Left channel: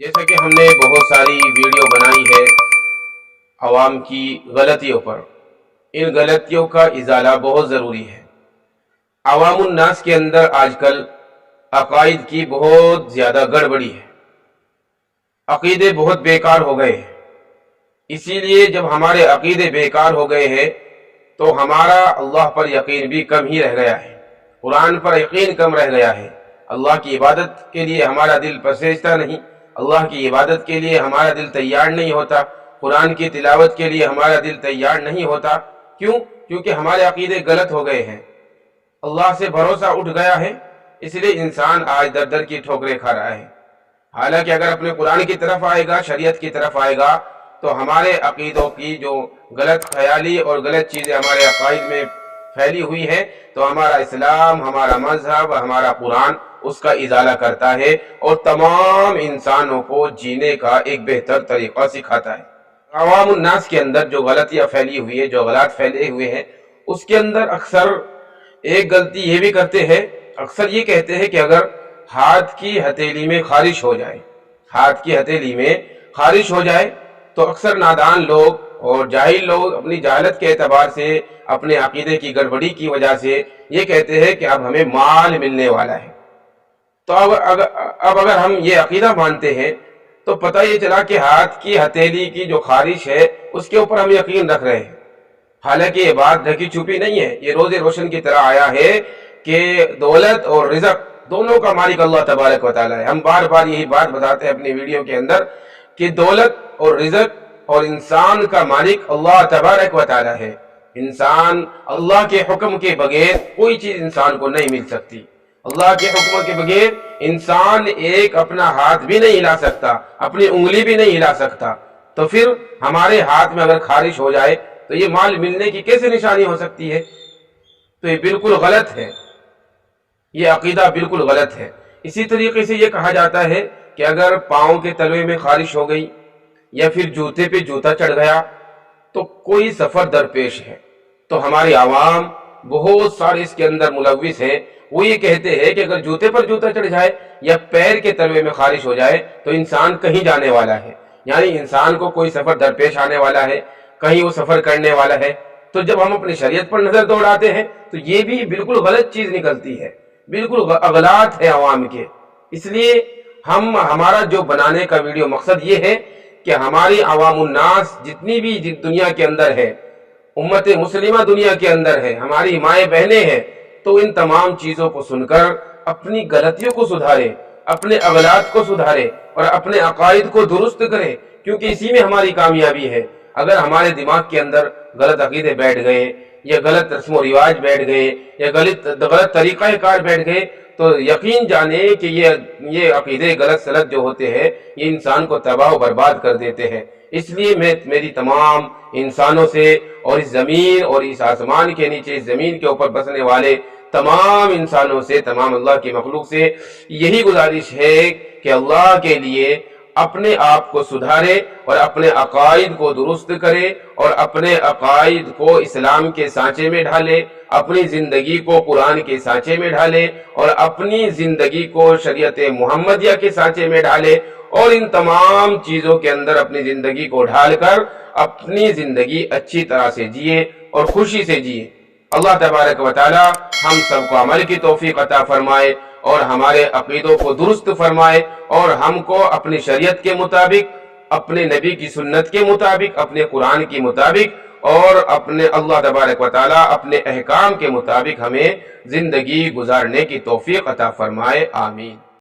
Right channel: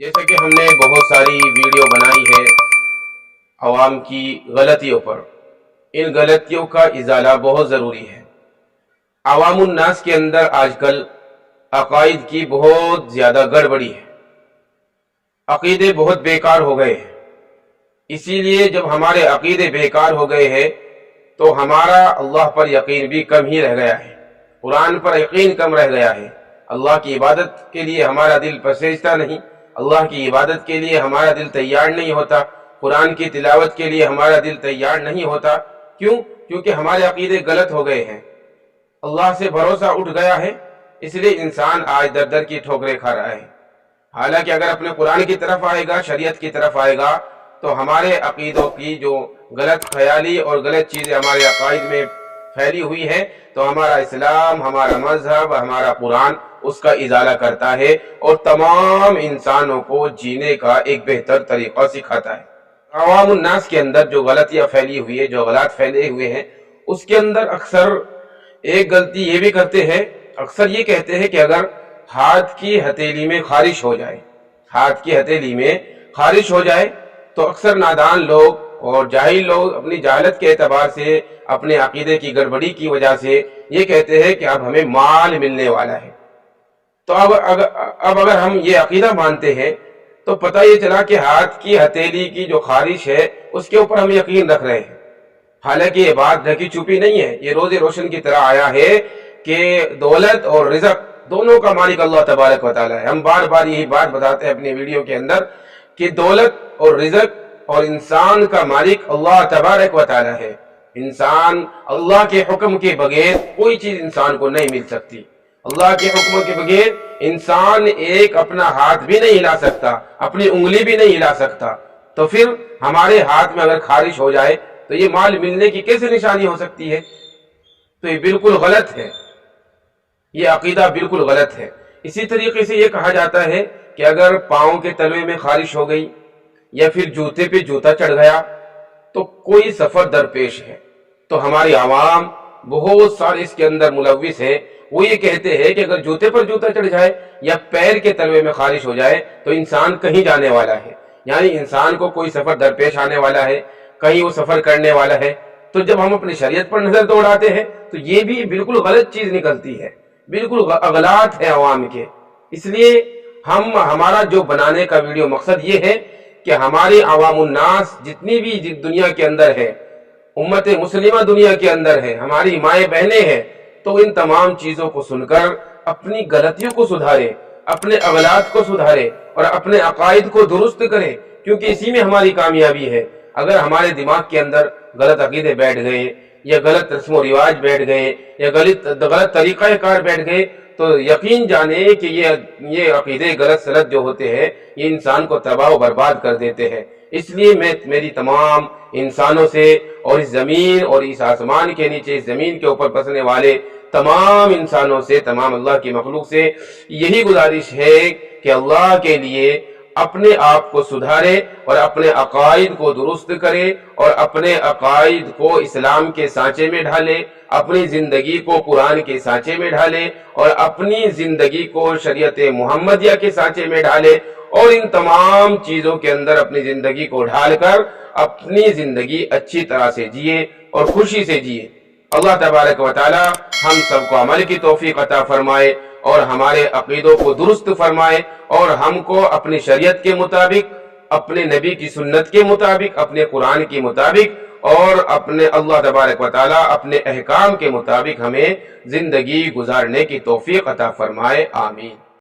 जैसा कि हमने बहुत सारी वीडियो बनाई है आवाम की गलतियों पर, इन गलतियों का इजाला बहुत ज़रूरी है। आवामुन नास के अंदर आजकल अकायद की बहुत ज़्यादा गड़बड़ी है, अकीदे बहुत बेकार हो गए हैं। इसीलिए जब हमारे अकीदे बेकार हो गए हैं तो हमारा अल्लाह पर यकीन भी कम ही रह गया है, कुरान पर यकीन कम रह गया है। अल्लाह की इबादत के लिए हमारा दिल पसरता नहीं, अल्लाह की इबादत के लिए हमारा दिल तैयार नहीं होता, कुरान की तिलावत के लिए हमारा दिल तैयार नहीं होता। क्यों? क्योंकि हमारे अकीदे गलत हो गए हैं, अल्लाह से भरोसा उठ गया है। इसलिए इंसान आज दर दर की ठोकरें खा रहा है। हालांकि अगर अपने कुरान की तरफ आएगा, शरीयत की तरफ आएगा, तो हमारे अकीदों की जो गलत ख्याली और गलत चीज़ें हमारे अकायद में फैली हुई है, तो हमारा इस्लाम, हमारा मजहब, हमारा कुरान उसका इजाला करता है और तमाम इंसानों को जीने का एक बेहतर तरीक़ा सिखाता है। अवामुन नास के अंदर जो गलतियाँ फैली हुई है, जो गलत फैले हुए हैं, उसके अंदर अक्सर एक गलती ये भी करते हैं, अक्सर ये कहते हैं कि अगर हाथ की हथेली में खारिश हो जाए, हाथ की हथेली में खारिश हो जाए, तो अक्सर नादान लोग और जाहिल लोग अपनी जाहलत के एतबार से, अपने अकीदे की गड़बड़ी की वजह से ये कहते हैं कि अब हमें माल मिलने वाला है। तो अब अगर हम ये अकीदा मानते हैं तो पता ये चला कि हाथ की हथेली की जो खारिश है उसके ऊपर हम यकीन रख रहे हैं। हालांकि ये बात ढकी छुपी नहीं है, ये रोज़े रोशन की तरह आया है कि दौलत और रिज़्क दोनों का मालिक अल्लाह तबारक व तआला है। हम बार बार यही बात बताते हैं अपनी वीडियो के अंदर कि दौलत और रिज़्क और इंसान का मालिक अल्लाह तबारक व तआला है। इंसान अल्लाह के हुक्म के बगैर कोई चीज़ इंसान को नहीं मिल सकती। अल्लाह के हुक्म के बगैर इंसान एक अपना हाथ भी नहीं हिला सकता, अपनी उंगली भी नहीं हिला सकता। तो फिर हमारे हाथ में अगर खारिश हो जाए तो ये माल मिलने की कैसे निशानी हो सकती है? तो ये बिल्कुल गलत है, ये अकीदा बिल्कुल गलत है। इसी तरीके से ये कहा जाता है कि अगर पाँव के तलवे में खारिश हो गई या फिर जूते पे जूता चढ़ गया तो कोई सफ़र दरपेश है। तो हमारी आवाम बहुत सारे इसके अंदर मुलव्विस है, वो ये कहते हैं कि अगर जूते पर जूता चढ़ जाए या पैर के तलवे में खारिश हो जाए तो इंसान कहीं जाने वाला है, यानी इंसान को कोई सफ़र दरपेश आने वाला है, कहीं वो सफ़र करने वाला है। तो जब हम अपनी शरीयत पर नज़र दौड़ाते हैं तो ये भी बिल्कुल गलत चीज़ निकलती है, बिल्कुल अगलात है अवाम के। इसलिए हमारा जो बनाने का वीडियो मकसद ये है कि हमारी अवामुन नास जितनी भी दुनिया के अंदर है, उम्मत मुस्लिमा दुनिया के अंदर है, हमारी माएँ बहनें हैं, तो इन तमाम चीज़ों को सुनकर अपनी गलतियों को सुधारें, अपने अगलात को सुधारें और अपने अकायद को दुरुस्त करें, क्योंकि इसी में हमारी कामयाबी है। अगर हमारे दिमाग के अंदर गलत अकीदे बैठ गए या गलत रस्म व रिवाज बैठ गए या गलत तरीक़ा कार बैठ गए, तो यकीन जाने कि ये अकीदे गलत सलत जो होते हैं ये इंसान को तबाह व बर्बाद कर देते हैं। इसलिए मेरी तमाम इंसानों से और इस ज़मीन और इस आसमान के नीचे, इस ज़मीन के ऊपर बसने वाले तमाम इंसानों से, तमाम अल्लाह की मखलूक से यही गुजारिश है कि अल्लाह के लिए अपने आप को सुधारे और अपने अकायद को दुरुस्त करे और अपने अकायद को इस्लाम के सांचे में ढाले, अपनी ज़िंदगी को कुरान के सांचे में ढाले और अपनी ज़िंदगी को शरीयत मुहम्मदिया के सांचे में ढाले और इन तमाम चीज़ों के अंदर अपनी ज़िंदगी को ढालकर अपनी ज़िंदगी अच्छी तरह से जिए और खुशी से जिए। अल्लाह तबारक व तआला हम सबको अमल की तौफीक अता फरमाए और हमारे अकीदों को दुरुस्त फरमाए और हमको अपनी शरीयत के मुताबिक, अपने नबी की सुन्नत के मुताबिक, अपने कुरान के मुताबिक और अपने अल्लाह तबारक व तआला अपने अहकाम के मुताबिक हमें ज़िंदगी गुजारने की तौफीक अता फरमाए। आमीन।